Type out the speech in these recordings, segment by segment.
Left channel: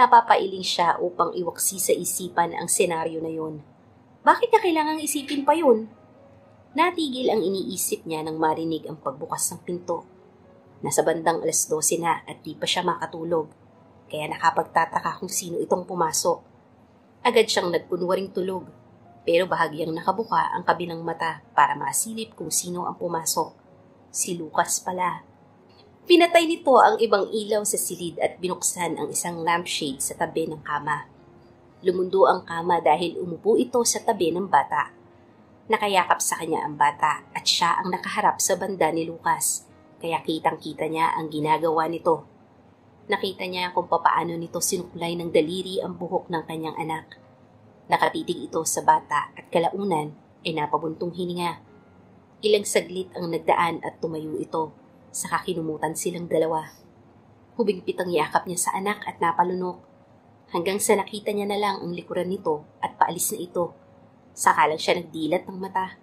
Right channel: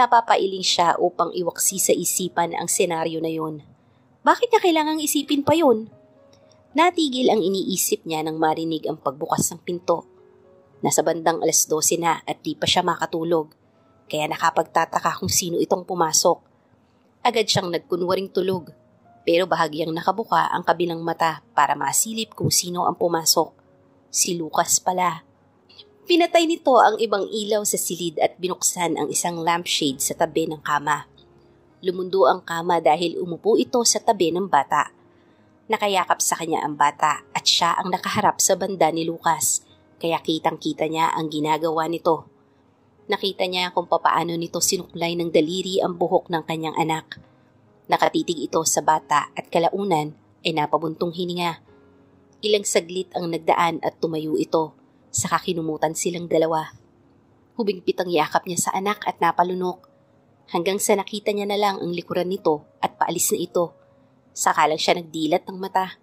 Napapailing siya upang iwaksi sa isipan ang senaryo na yun. Bakit niya kailangang isipin pa yun? Natigil ang iniisip niya nang marinig ang pagbukas ng pinto. Nasa bandang 12:00 na at di pa siya makatulog, kaya nakapagtataka kung sino itong pumasok. Agad siyang nagkunwaring tulog, pero bahagyang nakabuka ang kabilang mata para masilip kung sino ang pumasok. Si Lucas pala. Pinatay nito ang ibang ilaw sa silid at binuksan ang isang lampshade sa tabi ng kama. Lumundo ang kama dahil umupo ito sa tabi ng bata. Nakayakap sa kanya ang bata at siya ang nakaharap sa banda ni Lucas, kaya kitang-kita niya ang ginagawa nito. Nakita niya kung papaano nito sinuklay ng daliri ang buhok ng kanyang anak. Nakatitig ito sa bata at kalaunan ay napabuntong hininga. Ilang saglit ang nagdaan at tumayo ito, saka kinumutan silang dalawa. Hubigpit ang yakap niya sa anak at napalunok, hanggang sa nakita niya na lang ang likuran nito at paalis na ito. Saka lang siya nagdilat ng mata.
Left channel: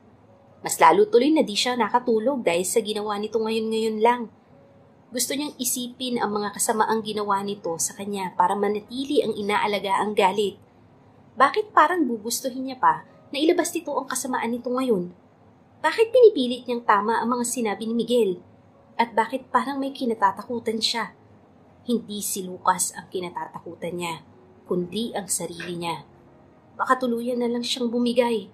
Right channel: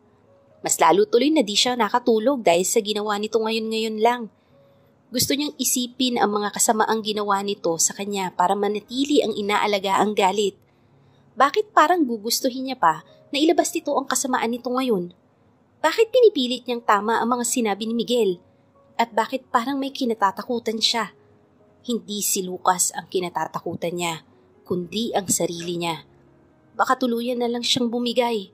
Mas lalo tuloy na di siya nakatulog dahil sa ginawa nito ngayon lang. Gusto niyang isipin ang mga kasamaang ginawa nito sa kanya para manatili ang inaalagaang galit. Bakit parang gugustuhin niya pa na ilabas nito ang kasamaan nito ngayon? Bakit pinipilit niyang tama ang mga sinabi ni Miguel? At bakit parang may kinatatakutan siya? Hindi si Lucas ang kinatatakutan niya, kundi ang sarili niya. Baka tuluyan na lang siyang bumigay.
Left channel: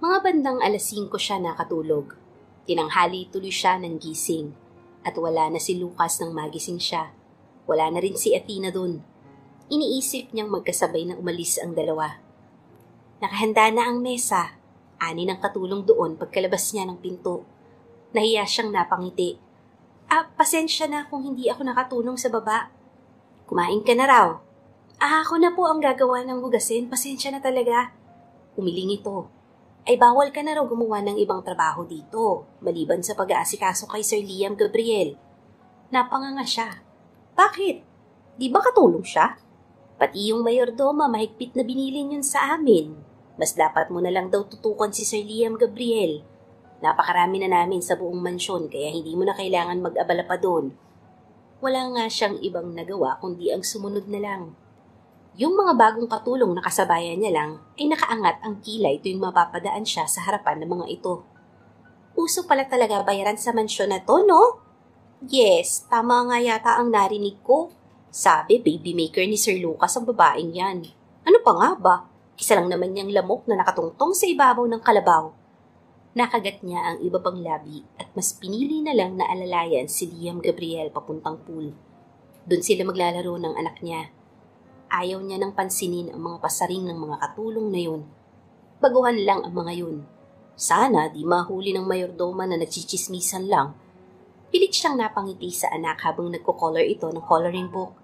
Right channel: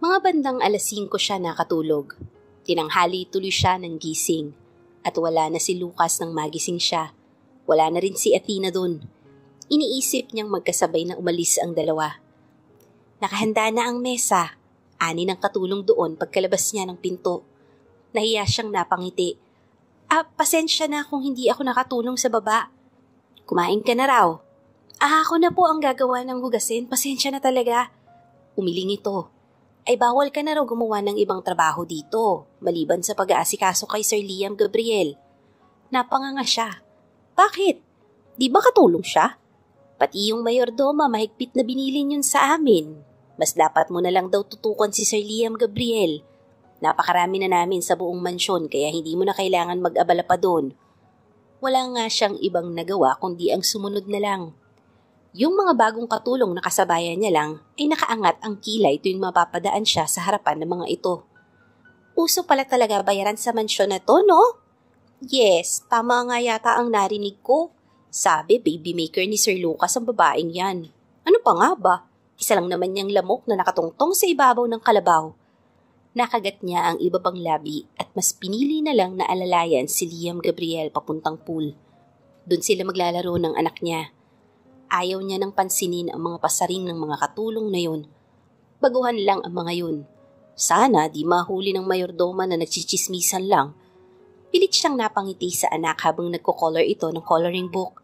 Mga bandang 5:00 siya nakatulog. Tinanghali tuloy siya ng gising. At wala na si Lucas nang magising siya. Wala na rin si Athena dun. Iniisip niyang magkasabay na umalis ang dalawa. Nakahanda na ang mesa. Ani ng katulong doon pagkalabas niya ng pinto. Nahiya siyang napangiti. Pasensya na kung hindi ako nakatulong sa baba. Kumain ka na raw. Ako na po ang gagawa ng hugasin. Pasensya na talaga. Umiling ito. Ay bawal ka na raw gumawa ng ibang trabaho dito, maliban sa pag-aasikaso kay Sir Liam Gabriel. Napanganga siya. Bakit? Di ba katulong siya? Pati yung mayordoma mahigpit na binilin yun sa amin. Mas dapat mo na lang daw tutukan si Sir Liam Gabriel. Napakarami na namin sa buong mansyon kaya hindi mo na kailangan mag-abala pa doon. Wala nga siyang ibang nagawa kundi ang sumunod na lang. Yung mga bagong katulong na kasabayan niya lang ay nakaangat ang kilay tuwing mapapadaan siya sa harapan ng mga ito. Uso pala talaga bayaran sa mansyon na to, no? Yes, tama nga yata ang narinig ko. Sabi, baby maker ni Sir Lucas ang babaeng yan. Ano pa nga ba? Isa lang naman niyang lamok na nakatungtong sa ibabaw ng kalabaw. Nakagat niya ang iba pang labi at mas pinili na lang na alalayan si Liam Gabriel papuntang pool. Doon sila maglalaro ng anak niya. Ayaw niya nang pansinin ang mga pasaring ng mga katulong na yun. Baguhan lang ang mga yun. Sana di mahuli ng mayordoma na nagchichismisan lang. Pilit siyang napangiti sa anak habang nagko-color ito ng coloring book.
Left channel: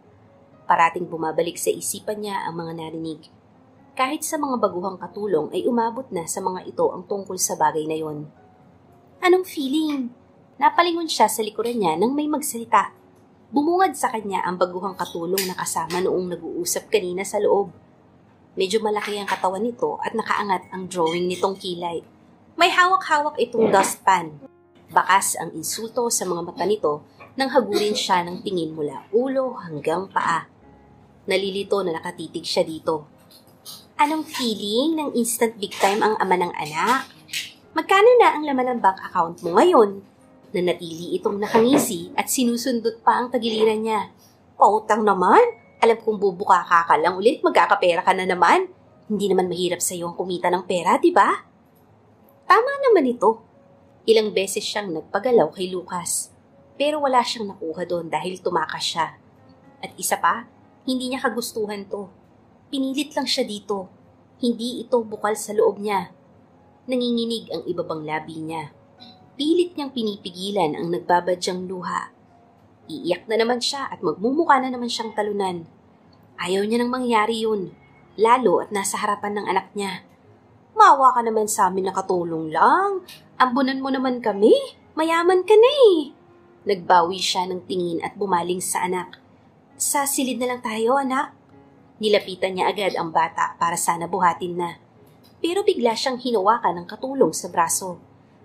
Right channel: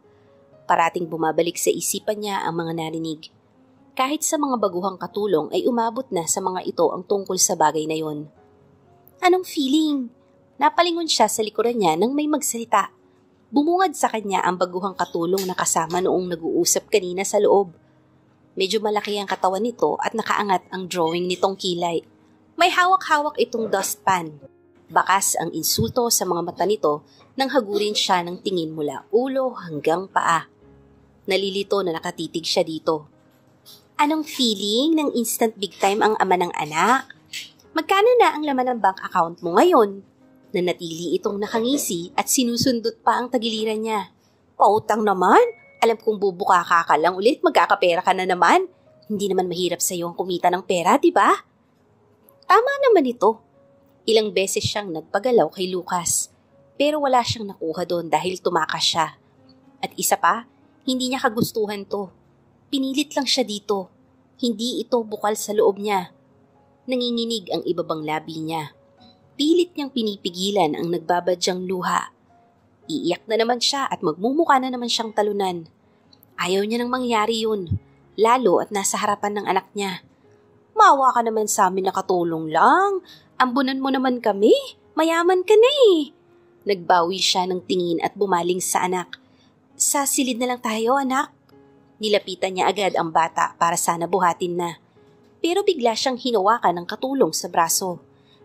Parating bumabalik sa isipan niya ang mga narinig. Kahit sa mga baguhang katulong ay umabot na sa mga ito ang tungkol sa bagay na yon. Anong feeling? Napalingon siya sa likuran niya nang may magsalita. Bumungad sa kanya ang baguhang katulong na kasama noong nag-uusap kanina sa loob. Medyo malaki ang katawan nito at nakaangat ang drawing nitong kilay. May hawak-hawak itong dustpan. Bakas ang insulto sa mga mata nito nang hagurin siya ng tingin mula ulo hanggang paa. Nalilito na nakatitig siya dito. Anong feeling ng instant big time ang ama ng anak? Magkano na ang laman ng bank account mo ngayon? Nanatili itong nakangisi at sinusundot pa ang tagiliran niya. Pautang naman? Alam kong bubuka ka lang ulit, magkakapera ka na naman. Hindi naman mahirap sa iyo ang kumita ng pera, di ba? Tama naman ito. Ilang beses siyang nagpagalaw kay Lucas. Pero wala siyang nakuha doon dahil tumakas siya. At isa pa, hindi niya kagustuhan to. Pinilit lang siya dito. Hindi ito bukal sa loob niya. Nanginginig ang ibabang labi niya. Pilit niyang pinipigilan ang nagbabadyang luha. Iiyak na naman siya at magmumukha na naman siyang talunan. Ayaw niya nang mangyari yun, lalo at nasa harapan ng anak niya. Maawa ka naman sa amin na katulong lang. Ambunan mo naman kami. Mayaman ka na eh. Nagbawi siya ng tingin at bumaling sa anak. Sa silid na lang tayo, anak. Nilapitan niya agad ang bata para sana buhatin na. Pero bigla siyang hinawakan ng katulong sa braso.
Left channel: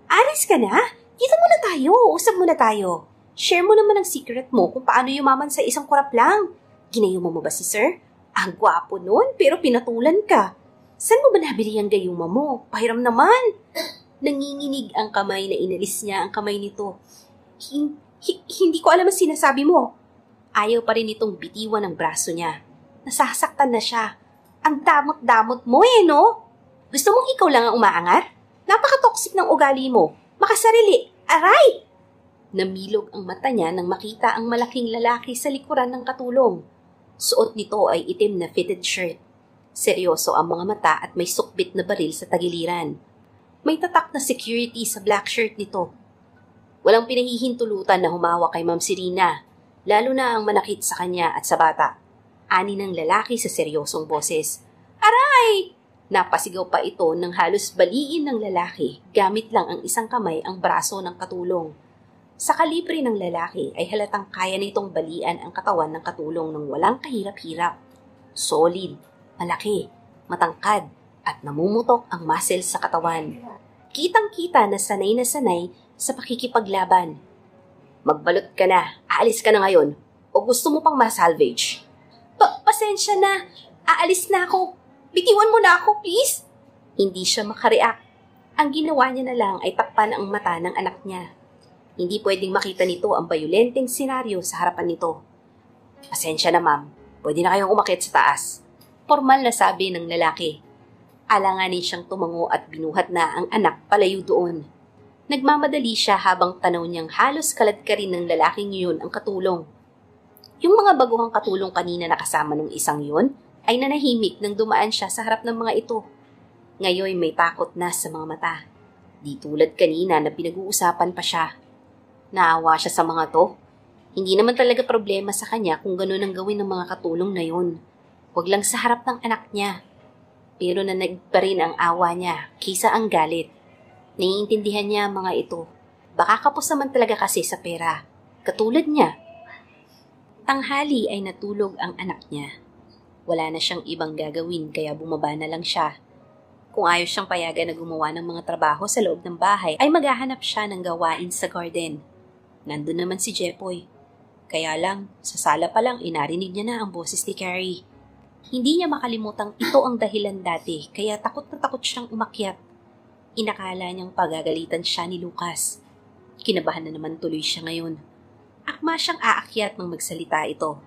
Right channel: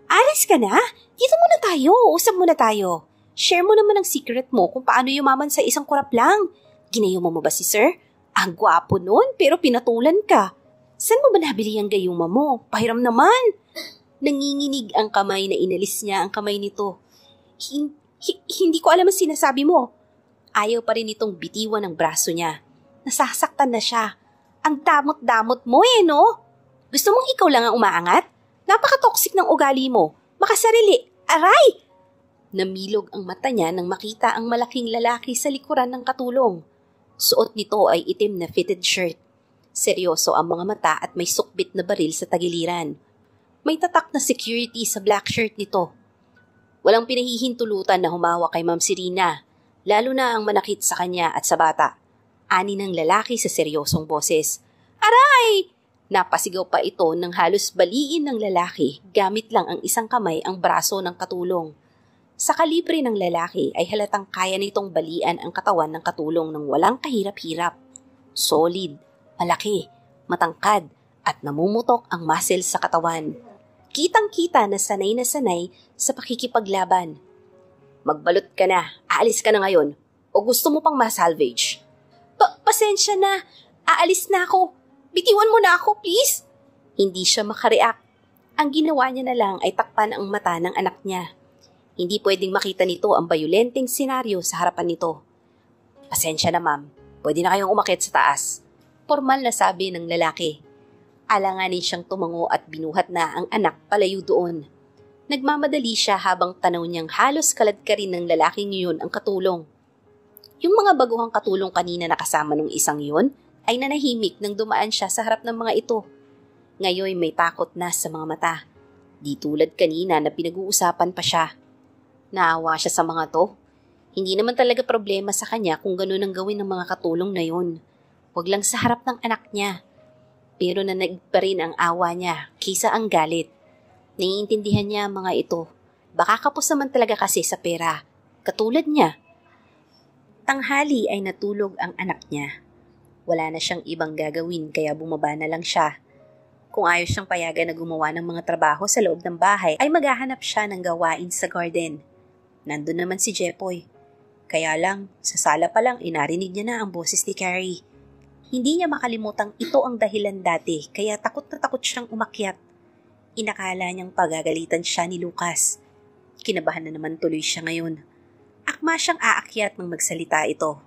Alis ka na? Dito muna tayo. Usap muna tayo. Share mo naman ang secret mo kung paano yumaman sa isang kurap lang. Ginayuma mo ba si sir? Ang gwapo nun, pero pinatulan ka. Saan mo ba nabili ang gayuma mo? Pahiram naman. Nanginginig ang kamay na inalis niya ang kamay nito. Hindi ko alam ang sinasabi mo. Ayaw pa rin itong bitiwan ng braso niya. Nasasaktan na siya. Ang damot-damot mo no? Gusto mong ikaw lang ang umaangat? Napaka-toxic ng ugali mo. Makasarili. Aray! Namilog ang mata niya nang makita ang malaking lalaki sa likuran ng katulong. Suot nito ay itim na fitted shirt. Seryoso ang mga mata at may sukbit na baril sa tagiliran. May tatak na security sa black shirt nito. Walang pinahihintulutan na humawa kay Ma'am Serena, lalo na ang manakit sa kanya at sa bata. Ani ng lalaki sa seryosong boses. Aray! Napasigaw pa ito nang halos baliin ng lalaki gamit lang ang isang kamay ang braso ng katulong. Sa kalibre ng lalaki ay halatang kaya nitong balian ang katawan ng katulong ng walang kahirap-hirap. Solid, malaki, matangkad, at namumutok ang muscles sa katawan. Kitang-kita na sanay sa pakikipaglaban. Magbalot ka na, aalis ka na ngayon, o gusto mo pang masalvage? Pasensya na, aalis na ako. Bitiwan mo na ako, please. Hindi siya makareact. Ang ginawa niya na lang ay takpan ang mata ng anak niya. Hindi pwedeng makita nito ang bayolenteng senaryo sa harapan nito. Pasensya na ma'am, pwede na kayong umakyat sa taas. Formal na sabi ng lalaki. Alanganin siyang tumango at binuhat na ang anak palayo doon. Nagmamadali siya habang tanaw niyang halos kalad ka rin ng lalaking yun ang katulong. Yung mga baguhang katulong kanina na kasama ng isang yun ay nanahimik nang dumaan siya sa harap ng mga ito. Ngayon may takot na sa mga mata. Di tulad kanina na pinag-uusapan pa siya. Naawa siya sa mga to. Hindi naman talaga problema sa kanya kung gano'n ang gawin ng mga katulong na yun. Huwag lang sa harap ng anak niya. Pero nanag pa rin ang awa niya kaysa ang galit. Naiintindihan niya ang mga ito. Baka kapos naman talaga kasi sa pera. Katulad niya. Tanghali ay natulog ang anak niya. Wala na siyang ibang gagawin kaya bumaba na lang siya. Kung ayaw siyang payagan na gumawa ng mga trabaho sa loob ng bahay ay maghahanap siya ng gawain sa garden. Nandun naman si Jepoy. Kaya lang, sa sala pa lang inarinig niya na ang boses ni Carrie. Hindi niya makalimutang ito ang dahilan dati kaya takot na takot siyang umakyat. Inakala niyang pagagalitan siya ni Lucas. Kinabahan na naman tuloy siya ngayon. Akma siyang aakyat nang magsalita ito.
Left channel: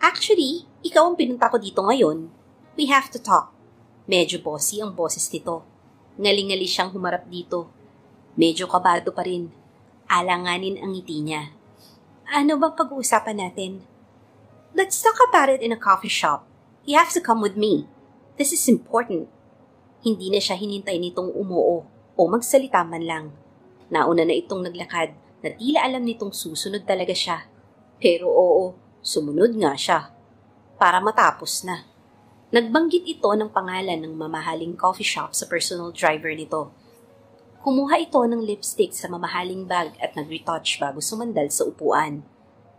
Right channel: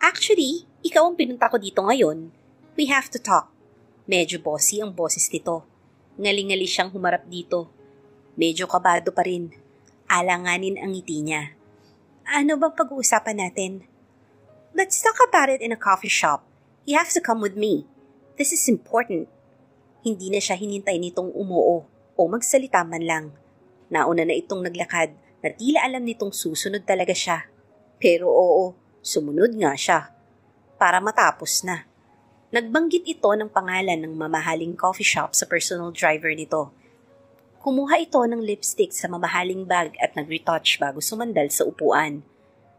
Actually, ikaw ang pinunta ko dito ngayon. We have to talk. Medyo bossy ang boses nito. Ngaling-ngali siyang humarap dito. Medyo kabado pa rin. Alanganin ang ngiti niya. Ano bang pag-uusapan natin? Let's talk about it in a coffee shop. You have to come with me. This is important. Hindi na siya hinintay nitong umuo o magsalita man lang. Nauna na itong naglakad na tila alam nitong susunod talaga siya. Pero oo, sumunod nga siya. Para matapos na. Nagbanggit ito ng pangalan ng mamahaling coffee shop sa personal driver nito. Kumuha ito ng lipstick sa mamahaling bag at nag-retouch bago sumandal sa upuan.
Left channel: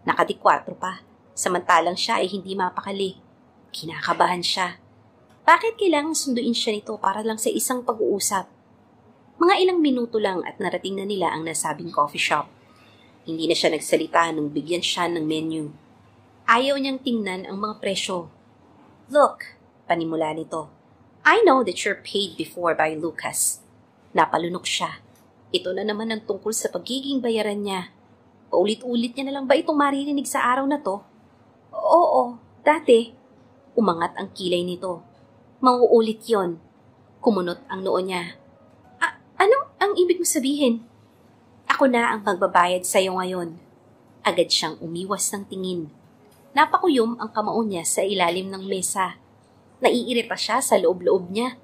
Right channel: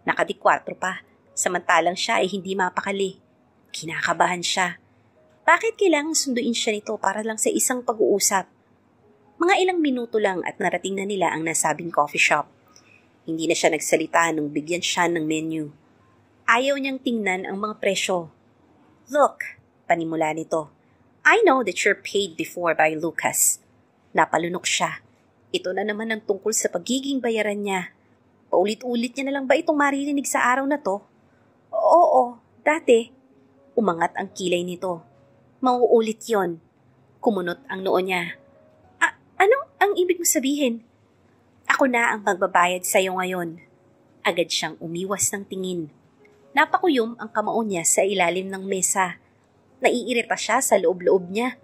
Nakadikwatro pa, samantalang siya ay hindi mapakali. Kinakabahan siya. Bakit kailangang sunduin siya nito para lang sa isang pag-uusap? Mga ilang minuto lang at narating na nila ang nasabing coffee shop. Hindi na siya nagsalita nung bigyan siya ng menu. Ayaw niyang tingnan ang mga presyo. Look, panimula nito. I know that you're paid before by Lucas. Napalunok siya. Ito na naman ang tungkol sa pagiging bayaran niya. Paulit-ulit niya na lang ba itong maririnig sa araw na to? Oo, dati. Umangat ang kilay nito. Mauulit yon. Kumunot ang noo niya. Ano ang ibig mo sabihin? Ako na ang magbabayad sa'yo ngayon. Agad siyang umiwas ng tingin. Napakuyom ang kamao niya sa ilalim ng mesa. Naiirita siya sa loob-loob niya.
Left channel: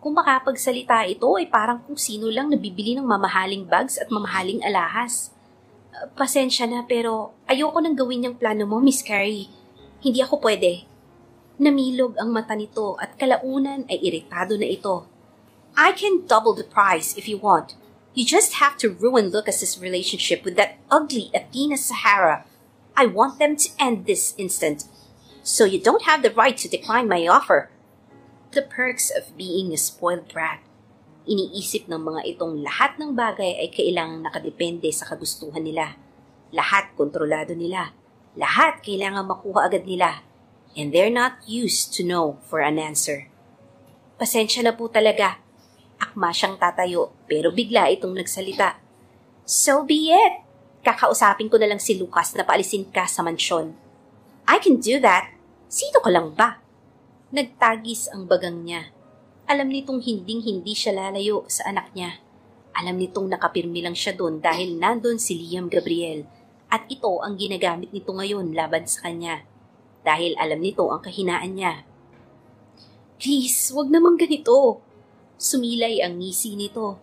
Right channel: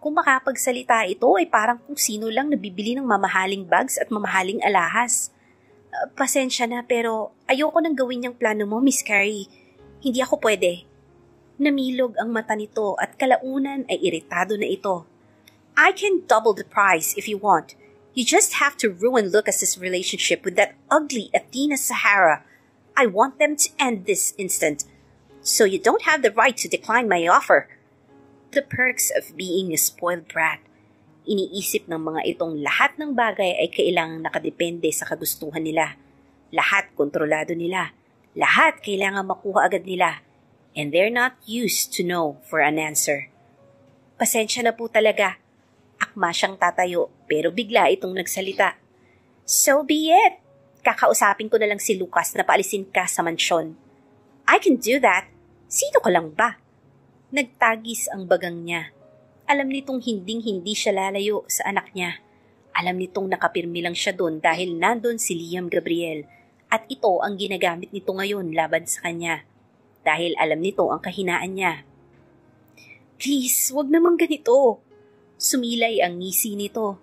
Kung makapagsalita ito ay parang kung sino lang nabibili ng mamahaling bags at mamahaling alahas. Pasensya na pero ayoko nang gawin yung plano mo, Miss Carrie. Hindi ako pwede. Namilog ang mata nito at kalaunan ay iritado na ito. I can double the price if you want. You just have to ruin Lucas's relationship with that ugly Athena Sahara. I want them to end this instant. So you don't have the right to decline my offer. The perks of being a spoiled brat. Iniisip ng mga itong lahat ng bagay ay kailangang nakadepende sa kagustuhan nila. Lahat kontrolado nila. Lahat kailangan makuha agad nila. And they're not used to know for an answer. Pasensya na po talaga. Akma siyang tatayo pero bigla itong nagsalita. So be it. Kakausapin ko na lang si Lucas na paalisin ka sa mansyon. I can do that. Sino ka lang ba? Nagtagis ang bagang niya. Alam nitong hinding-hindi siya lalayo sa anak niya. Alam nitong nakapirmi lang siya doon dahil nandun si Liam Gabriel at ito ang ginagamit nito ngayon laban sa kanya. Dahil alam nito ang kahinaan niya. Please, wag naman ganito. Sumilay ang ngisi nito.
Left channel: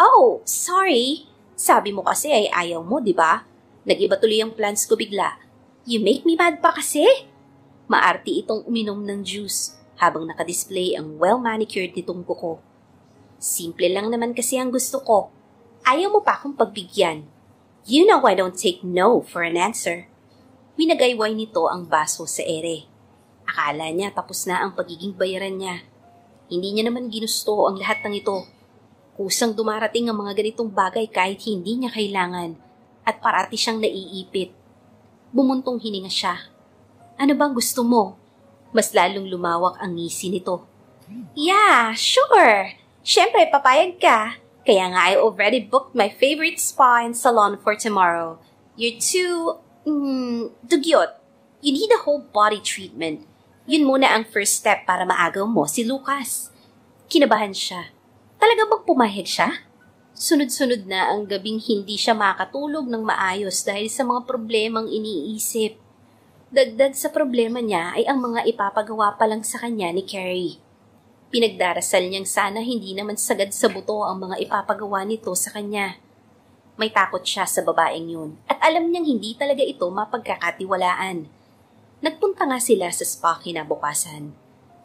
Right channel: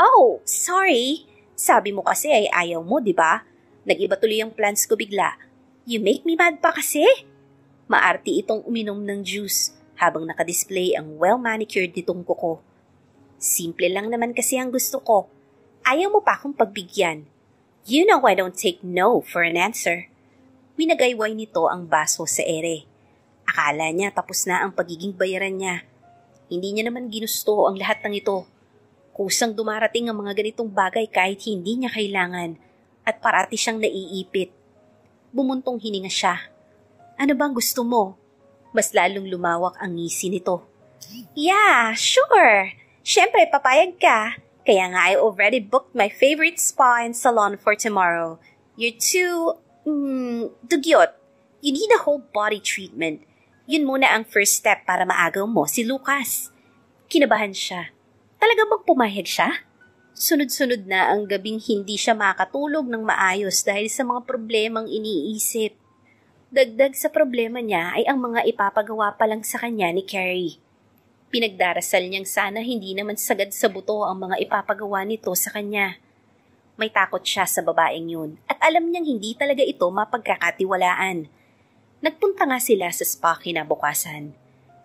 Oh, sorry. Sabi mo kasi ay ayaw mo, di ba? Nag-iba tuloy ang plans ko bigla. You make me mad pa kasi? Maarti itong uminom ng juice habang nakadisplay ang well-manicured nitong kuko. Simple lang naman kasi ang gusto ko. Ayaw mo pa akong pagbigyan. You know I don't take no for an answer. Winagayway nito ang baso sa ere. Akala niya tapos na ang pagiging bayaran niya. Hindi niya naman ginusto ang lahat ng ito. Kusang dumarating ang mga ganitong bagay kahit hindi niya kailangan at parati siyang naiipit. Bumuntong hininga siya. Ano bang gusto mo? Mas lalong lumawak ang ngisi nito. Yeah, sure. Siyempre, papayag ka. Kaya nga I already booked my favorite spa and salon for tomorrow. You're too, dugyot. You need a whole body treatment. Yun muna ang first step para maagaw mo si Lucas. Kinabahan siya. Talaga bang pumayag siya? Sunod-sunod na ang gabing hindi siya makatulog ng maayos dahil sa mga problemang iniisip. Dagdag sa problema niya ay ang mga ipapagawa pa lang sa kanya ni Carrie. Pinagdarasal niyang sana hindi naman sagad sa buto ang mga ipapagawa nito sa kanya. May takot siya sa babaeng yun at alam niyang hindi talaga ito mapagkakatiwalaan. Nagpunta nga sila sa spa kinabukasan.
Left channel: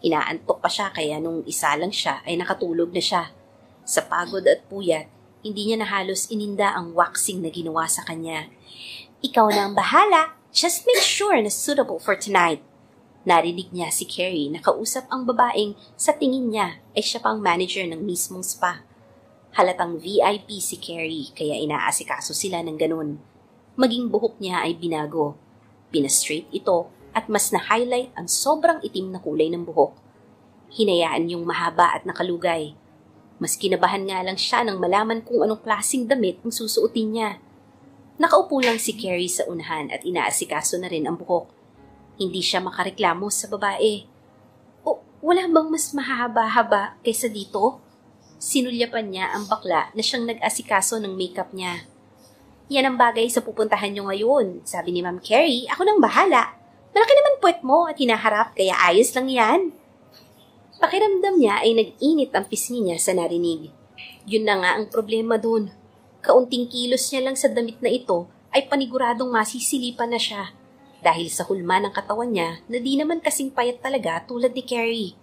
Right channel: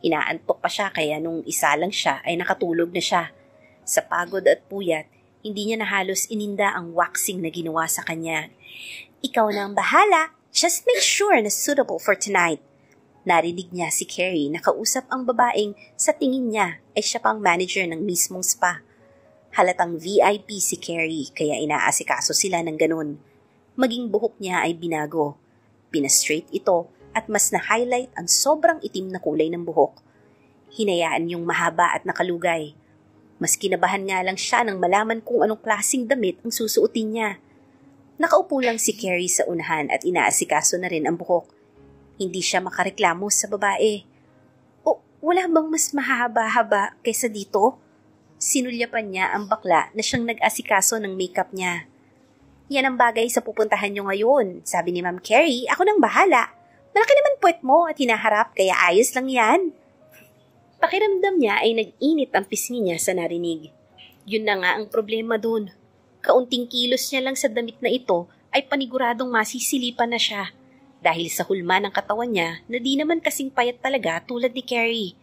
Inaantok pa siya kaya nung isa lang siya ay nakatulog na siya. Sa pagod at puyat, hindi niya na halos ininda ang waxing na ginawa sa kanya. Ikaw na ang bahala. Just make sure na suitable for tonight. Narinig niya si Carrie na kausap ang babaeng sa tingin niya ay siya pang manager ng mismong spa. Halatang VIP si Carrie kaya inaasikaso sila ng ganun. Maging buhok niya ay binago. Pinastraight ito at mas na-highlight ang sobrang itim na kulay ng buhok. Hinayaan yung mahaba at nakalugay. Mas kinabahan nga lang siya nang malaman kung anong klaseng damit ang susuotin niya. Nakaupo lang si Carrie sa unahan at inaasikaso na rin ang buhok. Hindi siya makareklamo sa babae. O, wala bang mas mahaba-haba kaysa dito? Sinulyapan niya ang bakla na siyang nag-asikaso ng makeup niya. Yan ang bagay sa pupuntahan niyo ngayon, sabi ni Ma'am Carrie. Ako nang bahala. Malaki naman puwet mo at hinaharap kaya ayos lang yan. Pakiramdam niya ay nag-init ang pisngi niya sa narinig. Yun na nga ang problema dun. Kaunting kilos niya lang sa damit na ito ay paniguradong masisilipan na siya dahil sa hulma ng katawan niya na di naman kasing payat talaga tulad ni Carrie.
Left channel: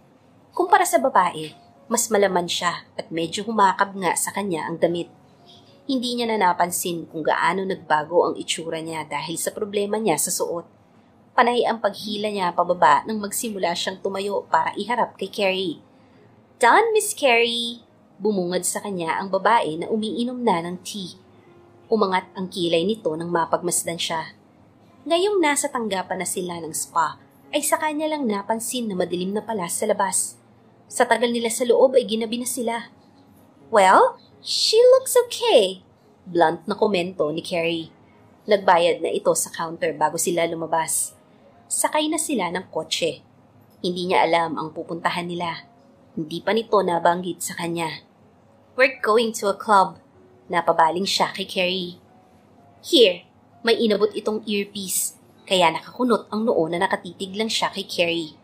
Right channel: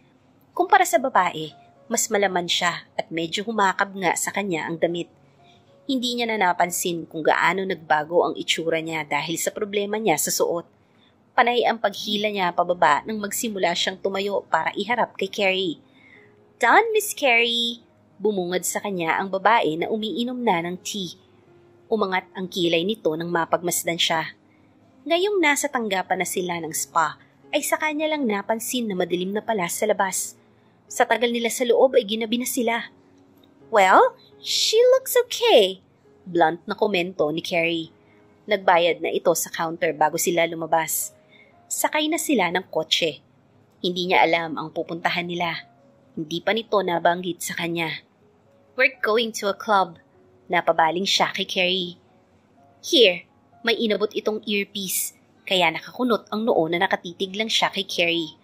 Kumpara sa babae, mas malaman siya at medyo humakab nga sa kanya ang damit. Hindi niya na napansin kung gaano nagbago ang itsura niya dahil sa problema niya sa suot. Panay ang paghila niya pababa nang magsimula siyang tumayo para iharap kay Carrie. Done, Miss Carrie! Bumungad sa kanya ang babae na umiinom na ng tea. Umangat ang kilay nito nang mapagmasdan siya. Ngayong nasa tanggapan na sila ng spa, ay sa kanya lang napansin na madilim na pala sa labas. Sa tagal nila sa loob ay ginabi na sila. Well, she looks okay, blunt na komento ni Carrie. Nagbayad na ito sa counter bago sila lumabas. Sakay na sila ng kotse. Hindi niya alam ang pupuntahan nila. Hindi pa nito nabanggit sa kanya. We're going to a club. Napabaling siya kay Carrie. Here, may inabot itong earpiece, kaya nakakunot ang noo na nakatitig lang siya kay Carrie.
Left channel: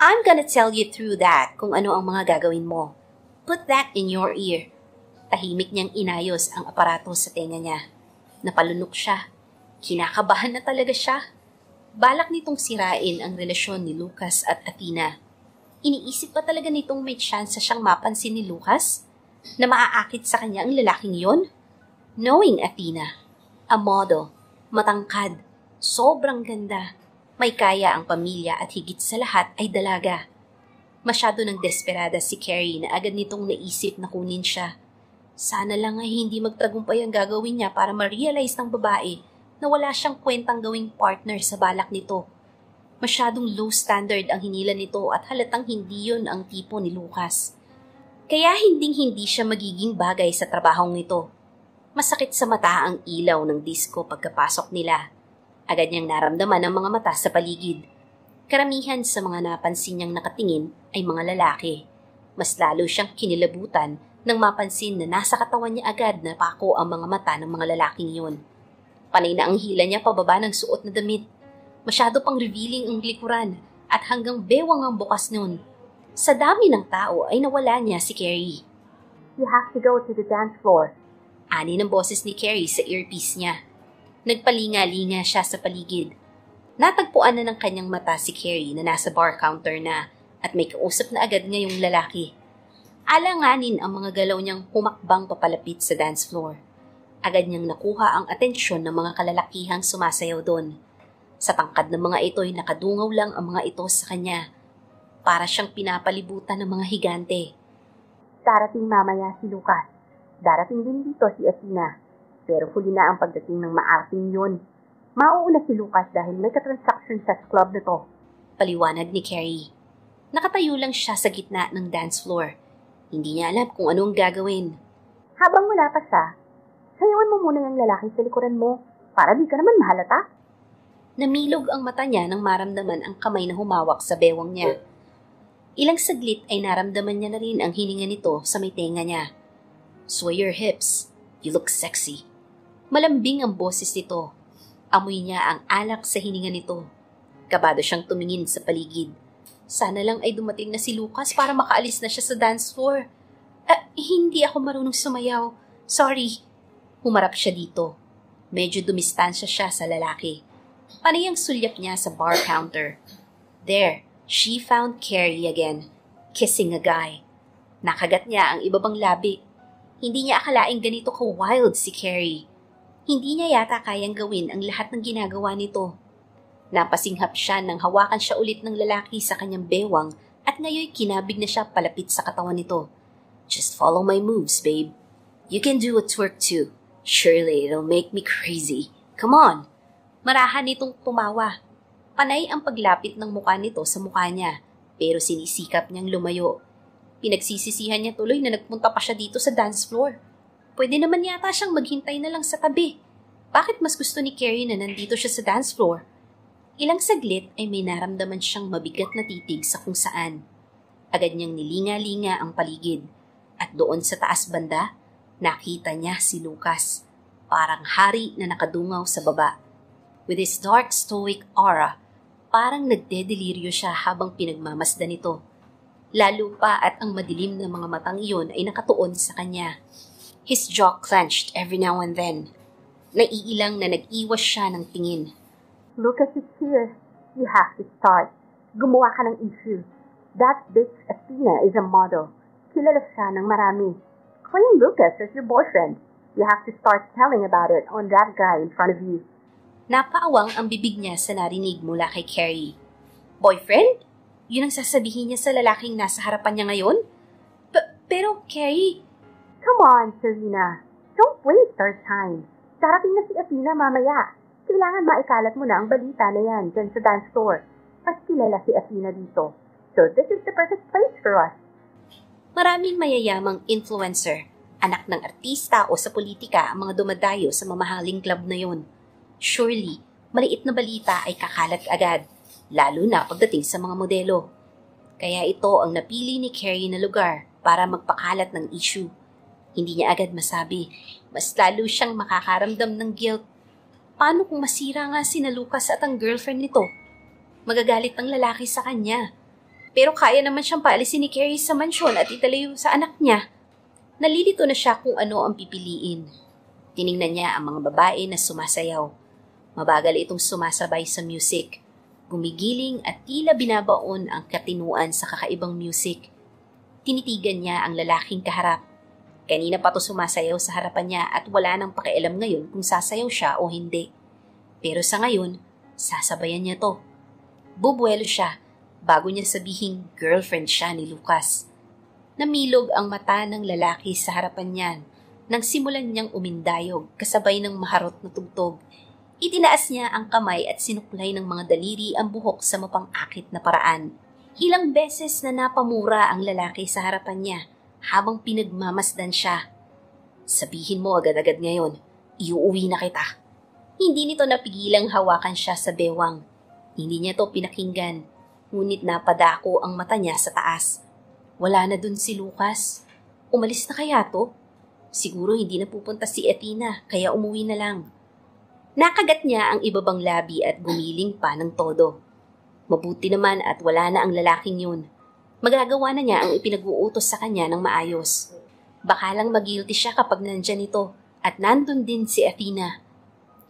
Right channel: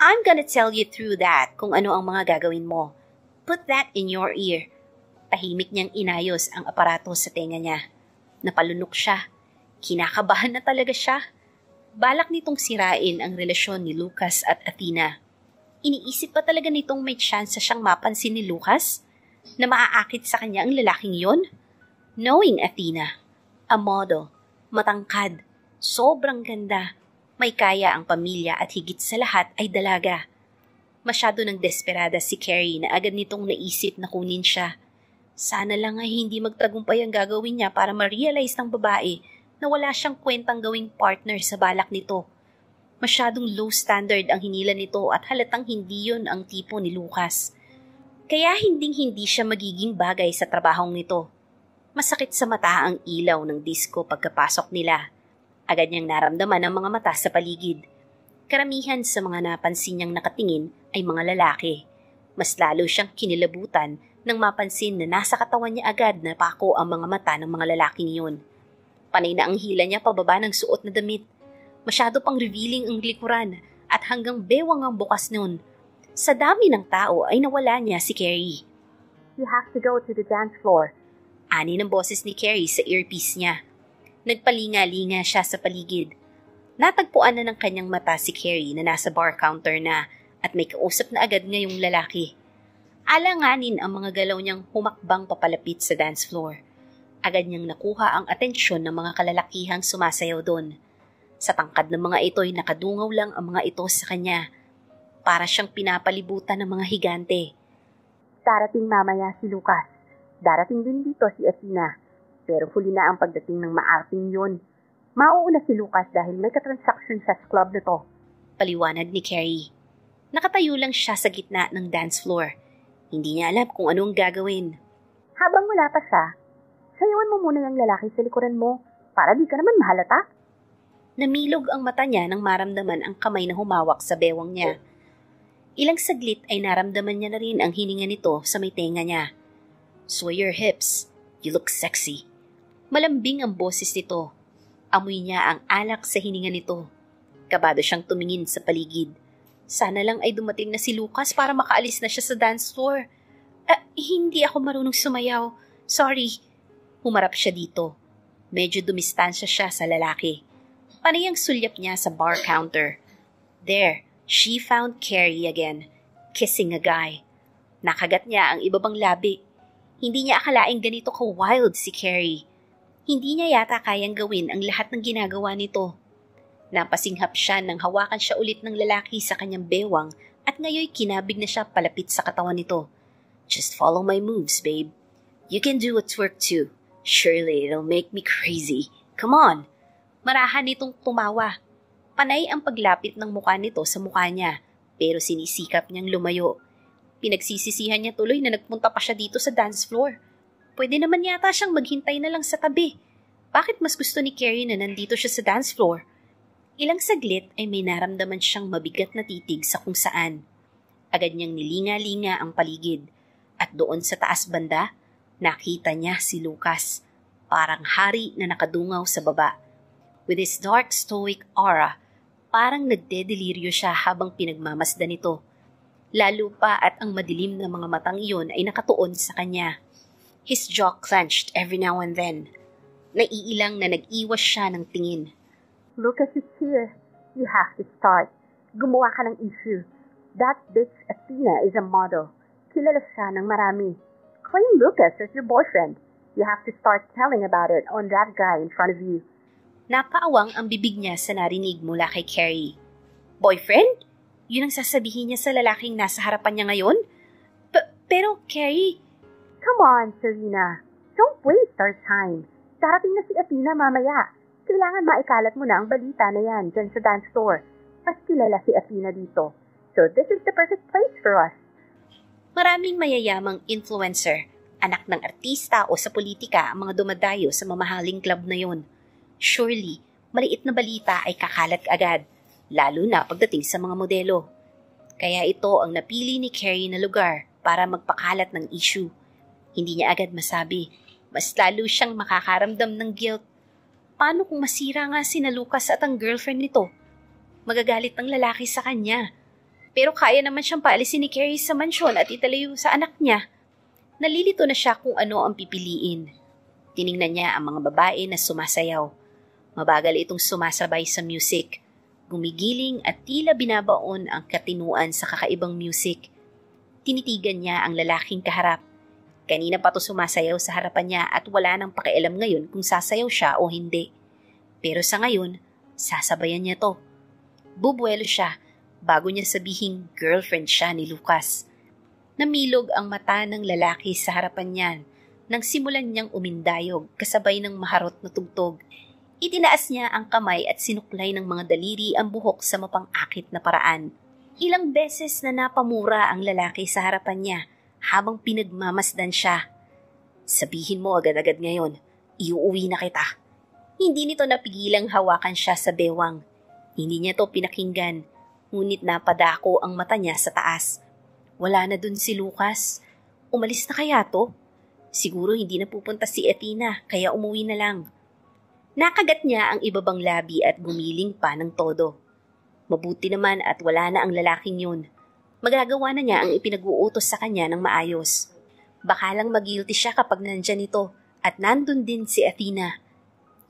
I'm gonna tell you through that kung ano ang mga gagawin mo. Put that in your ear. Tahimik niyang inayos ang aparato sa tenga niya. Napalunok siya. Kinakabahan na talaga siya. Balak nitong sirain ang relasyon ni Lucas at Athena. Iniisip pa talaga nitong may chance siyang mapansin ni Lucas na maaakit sa kanya ang lalaking yon? Knowing Athena, a model, matangkad, sobrang ganda, may kaya ang pamilya at higit sa lahat ay dalaga. Masyado nang desperada si Carrie na agad nitong naisip na kunin siya. Sana lang ay hindi magtagumpay ang gagawin niya para ma-realize ng babae na wala siyang kwentang gawing partner sa balak nito. Masyadong low standard ang hinila nito at halatang hindi yun ang tipo ni Lucas. Kaya hinding-hindi siya magiging bagay sa trabahong ito. Masakit sa mata ang ilaw ng disco pagkapasok nila. Agad niyang naramdaman ang mga mata sa paligid. Karamihan sa mga napansin niyang nakatingin ay mga lalaki. Mas lalo siyang kinilabutan nang mapansin na nasa katawan niya agad na pako ang mga mata ng mga lalaking iyon. Panay na ang hila niya pababa ng suot na damit. Masyado pang revealing ang likuran at hanggang bewang ang bukas noon. Sa dami ng tao ay nawala niya si Carrie. You have to go to the dance floor. Ani ng boses ni Carrie sa earpiece niya. Nagpalinga-linga siya sa paligid. Natagpuan na ng kanyang mata si Carrie na nasa bar counter na at may kausap na agad ngayong lalaki. Alanganin ang mga galaw niyang humakbang papalapit sa dance floor. Agad niyang nakuha ang atensyon ng mga kalalakihang sumasayaw doon. Sa tangkad ng mga ito'y nakadungaw lang ang mga ito sa kanya. Para siyang pinapalibutan ng mga higante. Darating mamaya si Lucas. Darating din dito si Athena. Pero huli na ang pagdating ng maarting yun. Mauuna si Lucas dahil may katransaction sa club na to. Paliwanag ni Carrie. Nakatayo lang siya sa gitna ng dance floor. Hindi niya alam kung anong gagawin. Habang wala pa siya, sayawan mo muna ng lalaki sa likuran mo para di ka naman mahalata. Namilog ang mata niya nang maramdaman ang kamay na humawak sa bewang niya. Ilang saglit ay naramdaman niya na rin ang hininga nito sa may tenga niya. Sway your hips. You look sexy. Malambing ang boses nito. Amoy niya ang alak sa hininga nito. Kabado siyang tumingin sa paligid. Sana lang ay dumating na si Lucas para makaalis na siya sa dance floor. Hindi ako marunong sumayaw. Sorry. Humarap siya dito. Medyo dumistansya siya sa lalaki. Panay ang sulyap niya sa bar counter. There, she found Carrie again, kissing a guy. Nakagat niya ang ibabang labi. Hindi niya akalaing ganito ka-wild si Carrie. Hindi niya yata kayang gawin ang lahat ng ginagawa nito. Napasinghap siya nang hawakan siya ulit ng lalaki sa kanyang bewang at ngayoy kinabig na siya palapit sa katawan nito. Just follow my moves, babe. You can do a twerk too. Surely it'll make me crazy. Come on! Marahan nitong tumawa. Panay ang paglapit ng mukha nito sa mukha niya, pero sinisikap niyang lumayo. Pinagsisisihan niya tuloy na nagpunta pa siya dito sa dance floor. Pwede naman yata siyang maghintay na lang sa tabi. Bakit mas gusto ni Carrie na nandito siya sa dance floor? Ilang saglit ay may naramdaman siyang mabigat na titig sa kung saan. Agad niyang nilinga-linga ang paligid. At doon sa taas banda, nakita niya si Lucas. Parang hari na nakadungaw sa baba. With his dark stoic aura, parang nagdedeliryo siya habang pinagmamasdan nito. Lalo pa at ang madilim na mga matang iyon ay nakatuon sa kanya. His jaw clenched every now and then. Naiilang na nag-iwas siya ng tingin. Lucas is here. You have to start. Gumawa ka ng issue. That bitch Athena is a model. Kilala siya ng marami. Claim Lucas as your boyfriend. You have to start telling about it on that guy in front of you. Napaawang ang bibig niya sa narinig mula kay Carrie. Boyfriend? Yun ang sasabihin niya sa lalaking nasa harapan niya ngayon? Pero Carrie... Come on, Serena. Don't waste our time. Darating na si Athena mamaya. Kailangan maikalat mo na ang balita na yan dyan sa dance floor. At kilala si Athena dito. So this is the perfect place for us. Maraming mayayamang influencer, anak ng artista o sa politika ang mga dumadayo sa mamahaling club na yon. Surely, maliit na balita ay kakalat agad, lalo na pagdating sa mga modelo. Kaya ito ang napili ni Carrie na lugar para magpakalat ng issue. Hindi niya agad masabi, mas lalo siyang makakaramdam ng guilt. Paano kung masira nga si Lucas at ang girlfriend nito? Magagalit ang lalaki sa kanya. Pero kaya naman siyang paalisin ni Carrie sa mansyon at italayo sa anak niya. Nalilito na siya kung ano ang pipiliin. Tiningnan niya ang mga babae na sumasayaw. Mabagal itong sumasabay sa music. Gumigiling at tila binabaon ang katinuan sa kakaibang music. Tinitigan niya ang lalaking kaharap. Kanina pa to sumasayaw sa harapan niya at wala nang pakialam ngayon kung sasayaw siya o hindi. Pero sa ngayon, sasabayan niya to. Bubuelo siya bago niya sabihing girlfriend siya ni Lucas. Namilog ang mata ng lalaki sa harapan niyan nang simulan niyang umindayog kasabay ng maharot na tugtog. Itinaas niya ang kamay at sinuklay ng mga daliri ang buhok sa mapang-akit na paraan. Ilang beses na napamura ang lalaki sa harapan niya habang pinagmamasdan siya. Sabihin mo agad-agad ngayon, iuuwi na kita. Hindi nito napigilang hawakan siya sa bewang. Hindi niya to pinakinggan, ngunit napadako ang mata niya sa taas. Wala na dun si Lucas. Umalis na kaya to? Siguro hindi na pupunta si Athena, kaya umuwi na lang. Nakagat niya ang ibabang labi at gumiling pa ng todo. Mabuti naman at wala na ang lalaking yun. Magagawa na niya ang ipinag-uutos sa kanya ng maayos. Baka lang mag-guilty siya kapag nandyan ito at nandun din si Athena.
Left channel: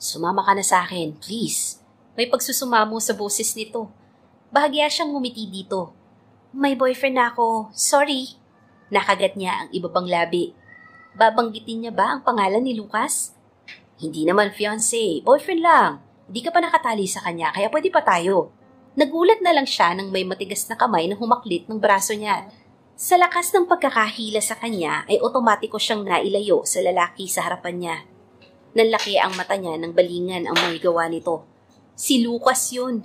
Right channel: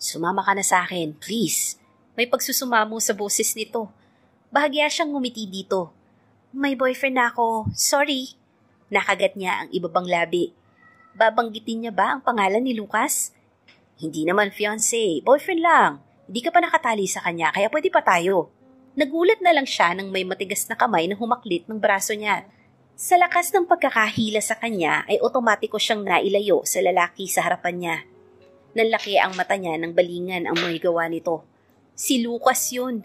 Sumama ka na sa akin, please. May pagsusumamo sa boses nito. Bahagya siyang ngumiti dito. May boyfriend na ako, sorry. Nakagat niya ang ibabang labi. Babanggitin niya ba ang pangalan ni Lucas? Hindi naman fiancé, boyfriend lang. Hindi ka pa nakatali sa kanya kaya pwede pa tayo. Nagulat na lang siya nang may matigas na kamay na humaklit ng braso niya. Sa lakas ng pagkakahila sa kanya ay otomatiko siyang nailayo sa lalaki sa harapan niya. Nanlaki ang mata niya ng balingan ang may gawa nito. Si Lucas yun.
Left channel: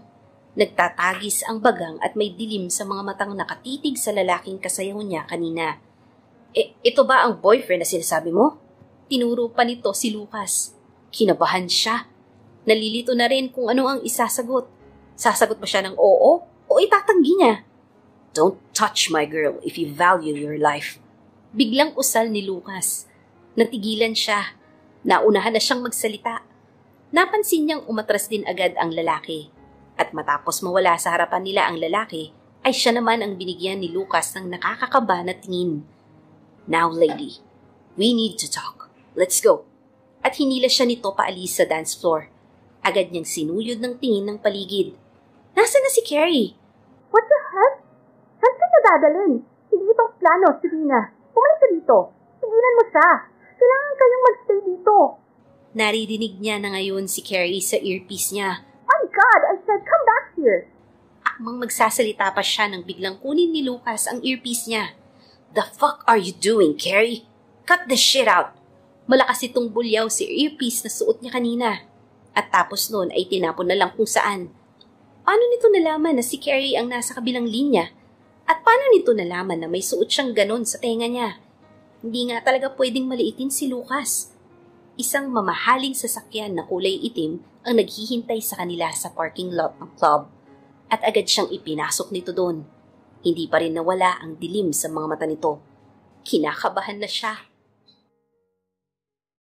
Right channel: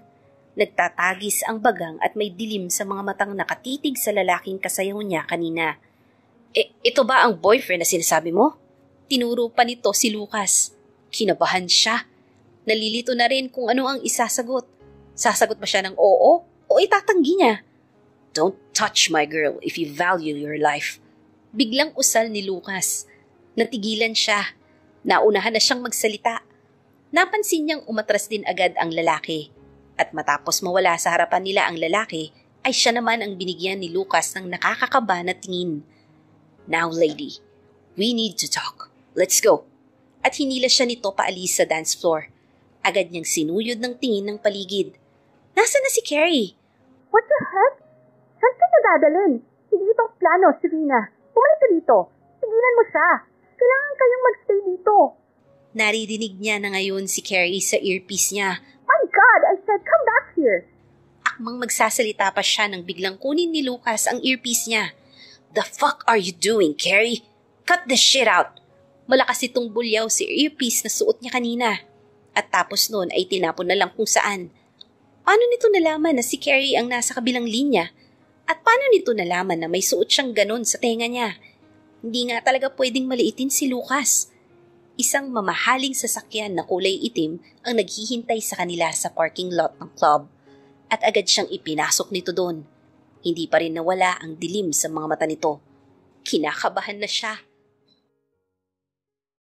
Nagtatagis ang bagang at may dilim sa mga matang nakatitig sa lalaking kasayaw niya kanina. Ito ba ang boyfriend na sinasabi mo? Tinuro pa nito si Lucas. Kinabahan siya. Nalilito na rin kung ano ang isasagot. Sasagot ba siya ng oo o itatanggi niya? Don't touch my girl if you value your life. Biglang usal ni Lucas. Natigilan siya. Naunahan na siyang magsalita. Napansin niyang umatras din agad ang lalaki. At matapos mawala sa harapan nila ang lalaki, ay siya naman ang binigyan ni Lucas ng nakakakaba na tingin. Now lady, we need to talk. Let's go. At hinila siya nito paalis sa dance floor. Agad niyang sinuyod ng tingin ng paligid. Nasaan na si Carrie? What the heck? Saan siya nadadalhin? Hindi ito ang plano, Serena. Pumalit ka dito. Sigilan mo siya. Kailangan kayong magstay dito. Naririnig niya na ngayon si Carrie sa earpiece niya. My God, I said come back here. Akmang magsasalita pa siya nang biglang kunin ni Lucas ang earpiece niya. The fuck are you doing, Carrie? Cut the shit out. Malakas itong bulyaw si earpiece na suot niya kanina. At tapos noon ay tinapon na lang kung saan. Paano nito nalaman na si Carrie ang nasa kabilang linya? At paano nito nalaman na may suot siyang ganon sa tenga niya? Hindi nga talaga pwedeng maliitin si Lucas. Isang mamahaling sasakyan na kulay itim ang naghihintay sa kanila sa parking lot ng club. At agad siyang ipinasok nito doon. Hindi pa rin nawala ang dilim sa mga mata nito. Kinakabahan na siya.